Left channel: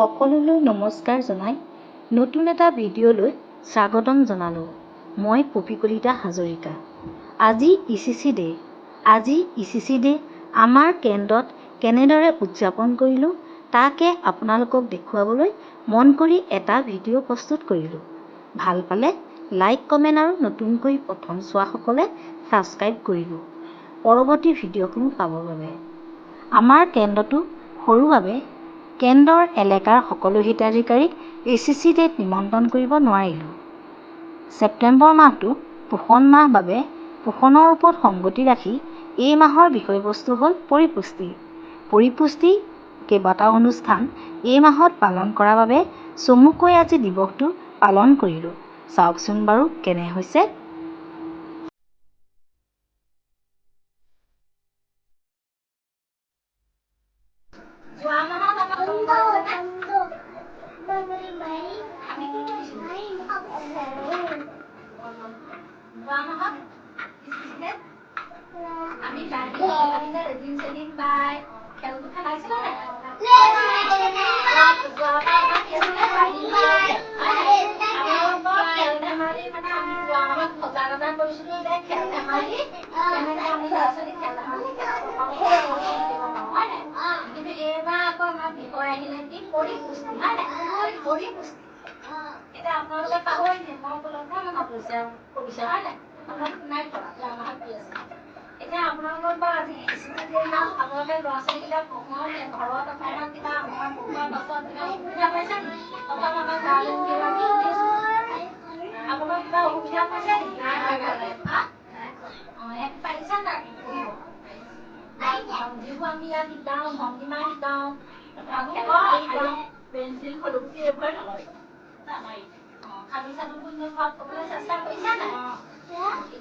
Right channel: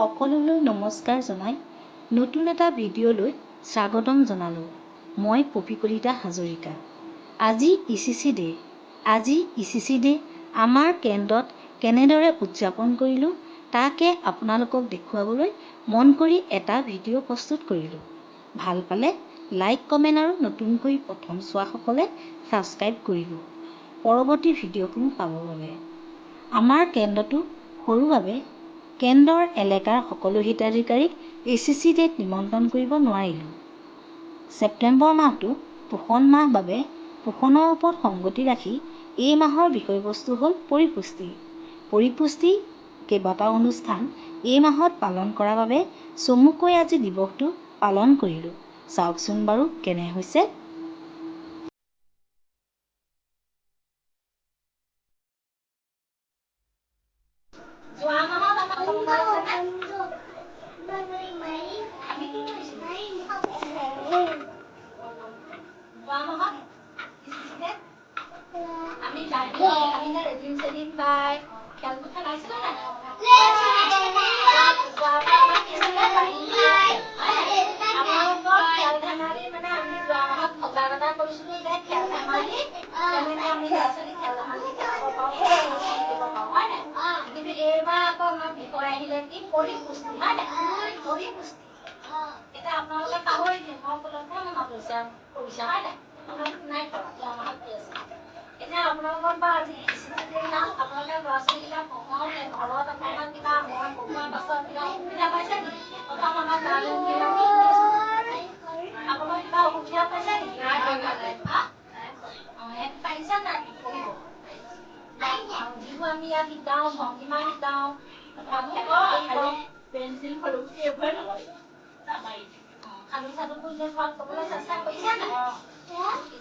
সকলোলৈ নমস্কাৰ জনাই নতুন এটা ভিডিঅ'লৈ স্বাগতম জনালোঁ। মই পপী কলিতা হাজৰিকা। আজি ECC ডে। আজি ECC ডে আমাৰ কেন্দ্ৰত কেনেদৰে উদযাপন কৰিলোঁ তাকে আপোনালোকক দেখুৱাবলৈ মন কৰি এটা ভিডিঅ' প্ৰস্তুত কৰিলোঁ। ভাল পালে লাইক কমেণ্ট আৰু নতুনকৈ প্ৰথম চোৱাসকলে ছাবস্ক্ৰাইব কৰিব পৰৱৰ্তী ভিডিঅ'সমূহ পাবৰ বাবে। আমাৰ কেন্দ্ৰটো সৰু বাবে কেন্দ্ৰৰ এলেকাৰ সকলো হিতাধিকাৰীক ECC ডেত নিমন্ত্ৰণ কৰিব নোৱাৰিলোঁ। ছেপ্টেম্বৰ মাহটো পোষণ মাহ বাবে পোষণৰ ওপৰত সংগতি ৰাখি এই মাহৰ বিষয়বস্তু হ'ল পৰিপুষ্টি। পৰিপুষ্টি কেইবাটাও অনুষ্ঠান এই মাহত পালন কৰাৰ বাবে চমুকৈ আজি দিৱসটো পালন কৰিলোঁ। চাওকচোন বাৰু কেনে হৈছে।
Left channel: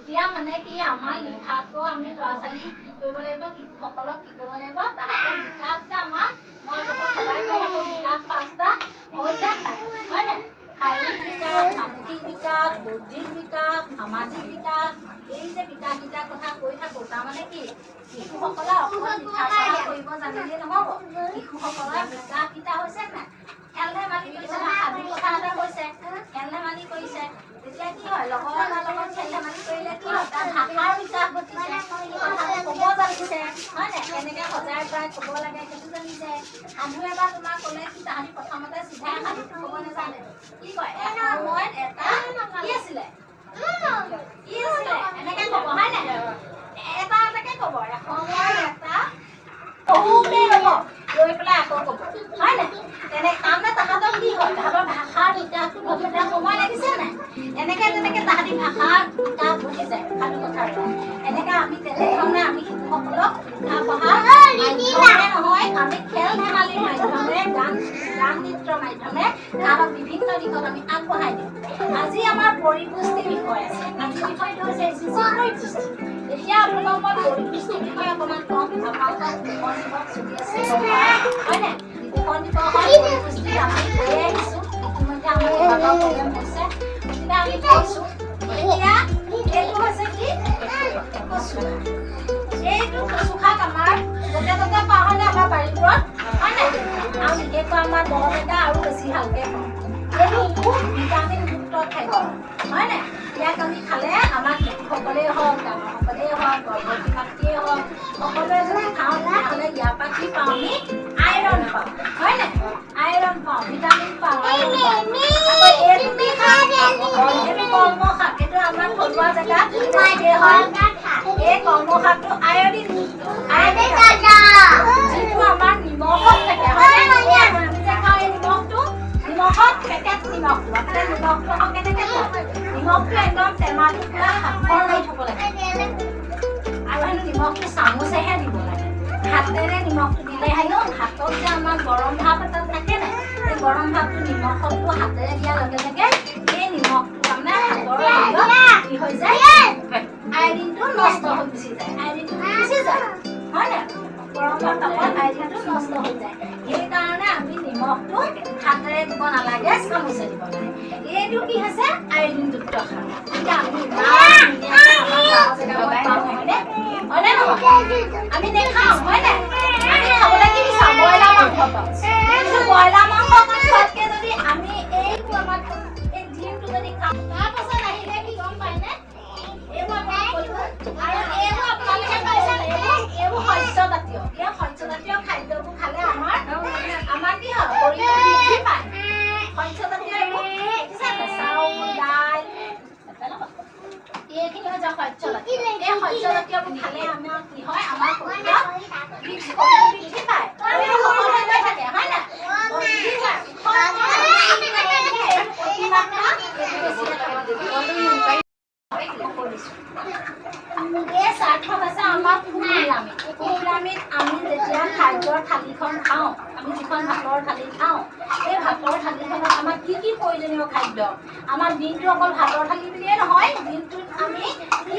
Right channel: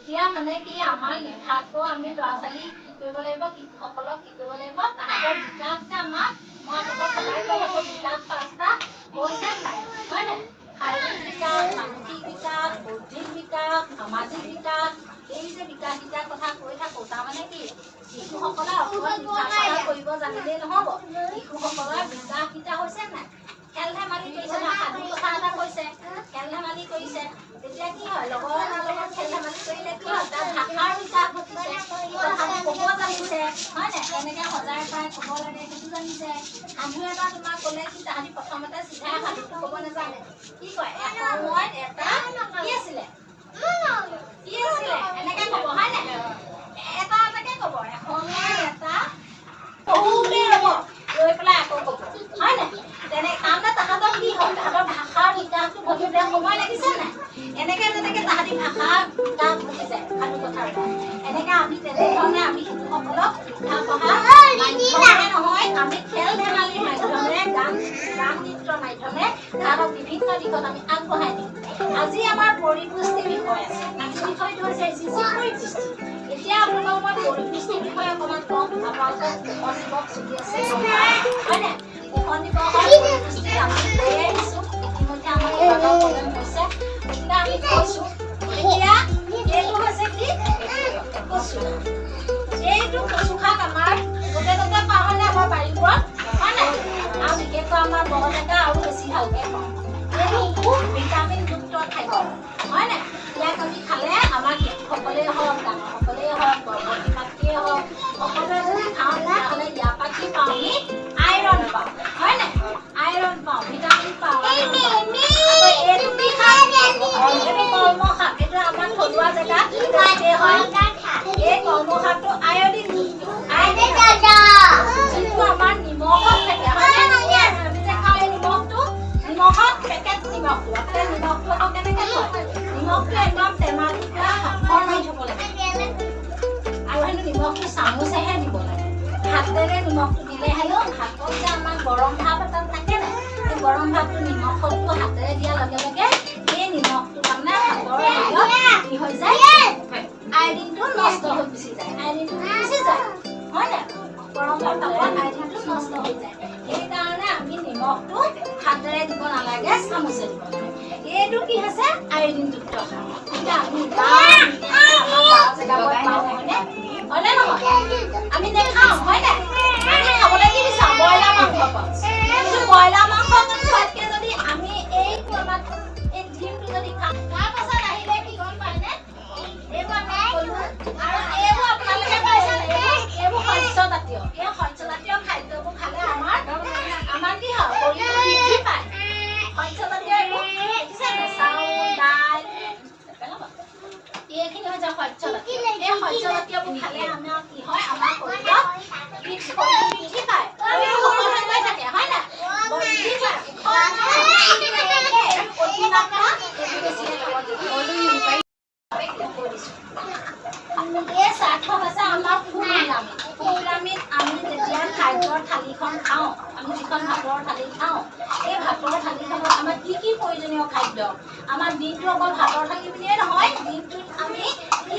এতিয়া মানে কি আমাৰ লিখাটো আমি ল'ৰা ছোৱালী কি কৰিব লাগিব, শিশুসকলক কি কৰিব লাগিব, তাহাঁতৰ বিকাশ যে আমাৰ মই সদায় কৈ থাকোঁ বিকাশ পাঁচটা হৈছে হয় নাই? শাৰীৰিক বিকাশ, মানসিক বিকাশ, বৌদ্ধিক বিকাশ, সামাজিক বিকাশ, এই যে বিকাশকেইটাৰ কথা কৈ থাকোঁ তাৰমানে কি শিশুসকলে অকল লিখা পঢ়া কৰিব জানিলেই নহ'ব। শিশুসকলৰ বিকাশকেইটা হৈছে নাই? খেল ধেমালি কৰিছে, সাধু কথা এটা কৈছে, খেল ধেমালি কৰিছে, তেতিয়া কি হয় লগৰ এটাৰ লগত খেল ধেমালি কৰিলে কি হয় তাৰ ভাষাৰ বিকাশ ঘটিছে, কথাটো ক'ব জানিছে হয় নাই? কেনেকৈ সজাই পৰাই ক'ব লাগে সেইটো জানিছে। সাধু এটা তোমাক ক'লে কি তাহাঁতি প্ৰথমতে চিধাই সাধুটো ক'ব নাজানে, কি কয় এসময়ত এটা কি আছিলে কি আছিলে এনেকৈ ক'ব হয় নাই? এটা এটাকে ক'ব এসময়ত এটা বহুতে ৰ'ব লৈ পেলাই আকৌ ক'ব হয় নাই? তাৰমানে তাহাঁতৰ কি হয় তাহাঁতৰ ভাষাৰ বিকাশটো ঘটোতে সময় লাগিছে নাই? এনেকৈ তেনেকৈ তাহাঁতি ভাষাৰ বিকাশ ঘটি যায় সাধু কথাৰ পৰা। এনেকৈ আমি তেনেধৰণে আমি শিশুসকলক লিখা পঢ়া মাধ্যমেৰে নহয় আমি খেল ধেমালিৰ মাধ্যমেৰে গান নৃত্যৰ মাধ্যমেৰে তাহাঁতক বিভিন্ন দিশত আমি আগবঢ়াই দিওঁ। আজি আমাৰ পৰিপুষ্টি বিষয় আছে। আজি বিষয়টো হৈছে ECC পৰিপুষ্টি। এতিয়া আপোনালোকক মই পৰিপুষ্টিৰ বিষয়ে অকণমান কওঁ। আপোনালোকৰ পোষণ দিৱস চলি আছে হয় নাই? পোষণ দিৱসৰ পৰিপুষ্টি আমি কৈয়ে আহিছোঁ। ইতিমধ্যে আমাৰ বিভাগৰ প্ৰগ্ৰেম হৈছে গতিকে আমি কৈছোঁ। এতিয়া এইটো হৈছে কি কচু। এইটো কচু শাক আমাৰ য'তে ত'তে পাওঁ হয়নে? আমাৰ বাৰীবোৰত হয় নাই? আৰু বিশেষকৈ আমাৰ বৰপেটা আৰু বেছি ভালকৈ পাওঁ। এইটো খুব ভিটামিনযুক্ত খাদ্য হয় নাই? ইয়াক আমি খালে আমাৰ শিশুসকলেই হওক ডাঙৰসকলেই হওক গৰ্ভৱতী মাতৃয়েই হওক সকলোৱে যদি খাওঁ তেতিয়াহ'লে ইয়াৰ পৰা কি পাওঁ আমি আইৰণ পাওঁ হয় নাই? আইৰণ পাওঁ, ভিটামিন পাওঁ, আইৰণ পাওঁ। আকৌ এইটো কি শাক? এইটো কলম শাক। এইটো আমাৰ থলুৱা জেগাত বেছিকৈ হয়। এই কলম শাকটো আয়ডিন যিটো আমাৰ নিমখত থাকে হয় নাই? আমি যে খাওঁ এই নিমখটো নিমখত পেকেট নিমখটো আপোনাৰ নিমখটো আকৌ কেনেকৈ খায়? নিমখটো একদম টেমালিত পুৰা সাফৰ মাৰি থ'ব লাগে আৰু হেনো নিমখটো চামুচেহে দিব লাগে। হাতেৰে নিমখটো দিলে হেনো হাতত যে আমাৰ গৰম ভাৱ এটা থাকে নাই সেই গৰম ভাৱটো নিমখটো হাতেৰে দিয়াৰ লগে লগে সেই নিমখটো তাৰমানে হাতৰ হেৰিয়ত কি হৈ যায় আইডিনটো নষ্ট হৈ গুচি যায়। আইডিনটো গুচি যায় হয় নাই? গৰম ভাৱ পালে আইডিনটো নষ্ট হৈ যায়। সেইকাৰণে আমি নিমখটো হাতেৰে দিব নালাগে, চামুচে দিব লাগে। এইটো কি হৈছে আইডিনযুক্ত শাক। এতিয়া আমি হয়নে নহয়? আমি নেখাওঁ হয় নাই? আমি খাবলৈ কি বিচাৰোঁ ব্ৰইলাৰ মাংস পাওঁ। কিন্তু ব্ৰইলাৰ মাংস এই ডিমটো যদি খাওঁ তাৰপাছত আহিলে কি গম পায়নে এইবোৰ আমি কৰিব আৰু এইবোৰ আপোনালোকে পাইছে এইবোৰ শস্যজাতীয় এই শস্যজাতীয় খাদ্যবোৰ খালে আমাৰ কি হয় শৰীৰটো বৃদ্ধি পায় শস্যজাতীয় এইবোৰ দেখিছেনে চাউল দাইল এইখিনি হৈছে শস্যজাতীয় এই শস্যজাতীয়বোৰ খালে আমাৰ কি হয় আমাৰ শৰীৰত বৃদ্ধি পায় সকলোৱে গৈ থাকে হয় নাই বৃদ্ধি পায় এই স্বাৰ্থত আছে আমাৰ ফুলপিৰামিড আমি যেতিয়া খাদ্যৰ থালিখন খাওঁ আমি যিখন ভাতৰ থালি খাওঁ এই ভাতৰ থালিখনত আমাৰ কি কি প্ৰয়োজনীয় খাদ্য আমাৰ দিনটো অকল ভাতৰ থালি বুলিয়ে নহয় দিনটোত আমি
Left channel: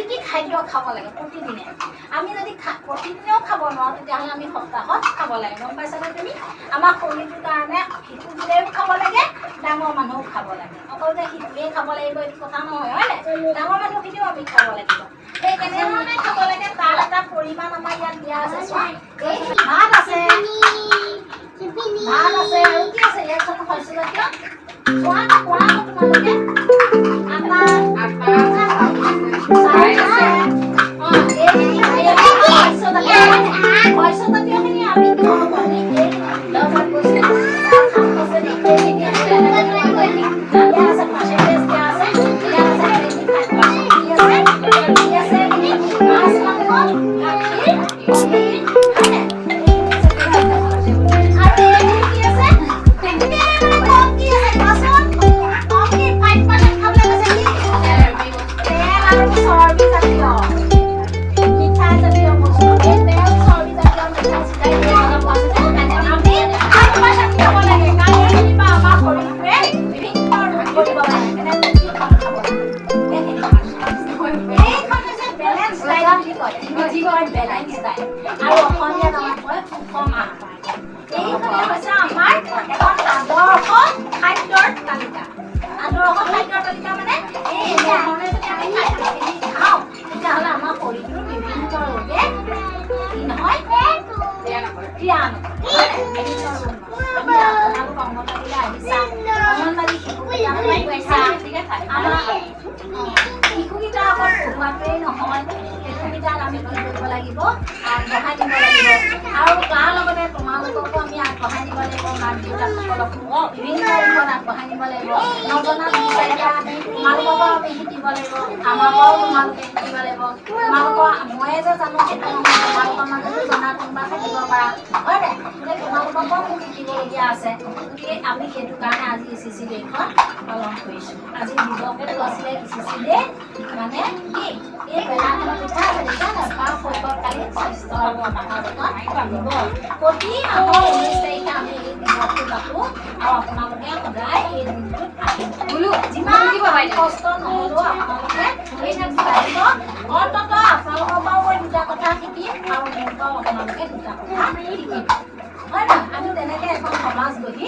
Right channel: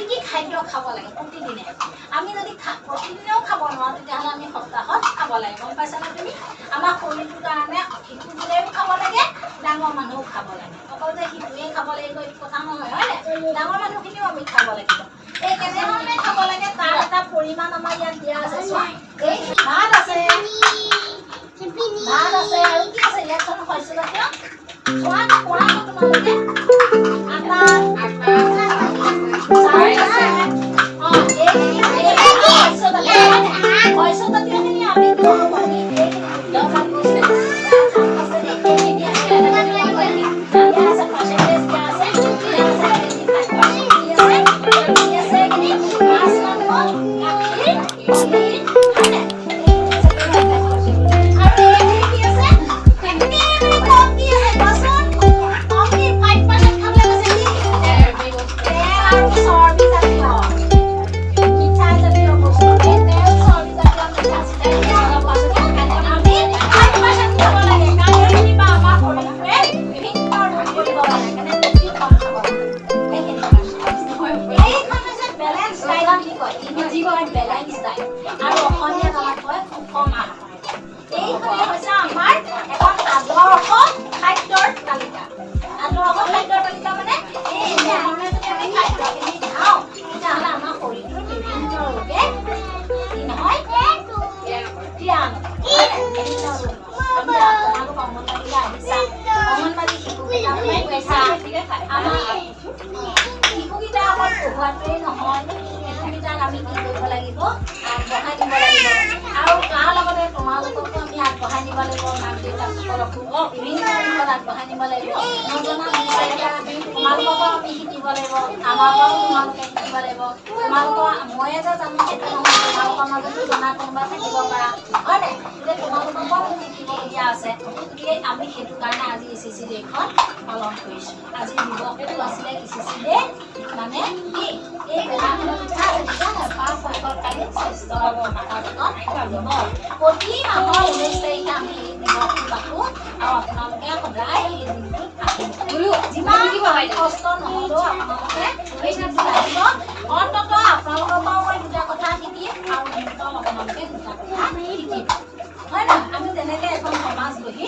কি খাদ্য খাব লাগে প্ৰতিদিনে আমি যদি প্ৰতিদিনেও খাব নোৱাৰোঁ তেতিয়াহ'লে আমি সপ্তাহত খাব লাগে গম পাইছানে তুমি আমাৰ শৰীৰটোৰ কাৰণে শিশুবোৰেও খাব লাগে ডাঙৰ মানুহও খাব লাগে অকল যে শিশুৱে খাব লাগিব এইটো কথা নহয় হয় নাই ডাঙৰ মানুহখিনিও আমি খাব লাগিব এই কেনেধৰণে খাব লাগে তাৰ এটা পৰিমাণ আমাৰ ইয়াত দিয়া আছে চোৱা এই ভাত আছে আৰু কি আছে ইয়াত চোন শস্যজাতীয় চোৱা পৰাটো তোমালোকে শস্যজাতীয়খিনি আমি কি হ'ব শিশুকেইটা অকল পঢ়ুৱাটোৱেই নহয় শিশুকেইটাক আমি কি কৰিব লাগিব আগবঢ়াই দিব লাগিব আৰু তাৰ লগতে তোমালোককো আমি আগবঢ়াই দিব লাগিব মাক দেউতাকসকলকো বিভিন্ন দিশত আগবঢ়াই নিব লাগিব নজনা বিষয় এটা তোমালোককো আমি শিকিব লাগিব আমাৰ পৰাও তোমালোকে শিকিব লাগিব তোমালোকৰ ময়ে যে জানো সেইটো নহয় তোমালোকৰ মাজতো জনা কোনোবা থাকিব পাৰা হয় নাই গতিকে তোমালোককো মোক শিকিবলগীয়া আছে গতিকে আমি সেইটো কাৰণে আজি ECC ডে'খন পালন কৰিছোঁ আজি দিৱসে আছিলে ECC ডে' মানে কি এই বেলাখনৰ পিঠা পাঁচ শৈশৱকালীন স্বাস্থ্য প্ৰতি মাহৰ 19 তাৰিখে আমি এই দিৱসটো পাতোঁ আৰু আপোনালোকে সদায় এই দিনটোত যিমান কষ্ট নহ'লেও আপোনালোকে এই দিনটো আহিব অন্ততঃ আপোনালোকৰ পৰাও মই দুটা কথা শিকিম আৰু মোৰ পৰাও আপোনালোকে দুটা কথা শিকিম হয় না আমি তেনেকৈ এখন সমাজ গঢ়ি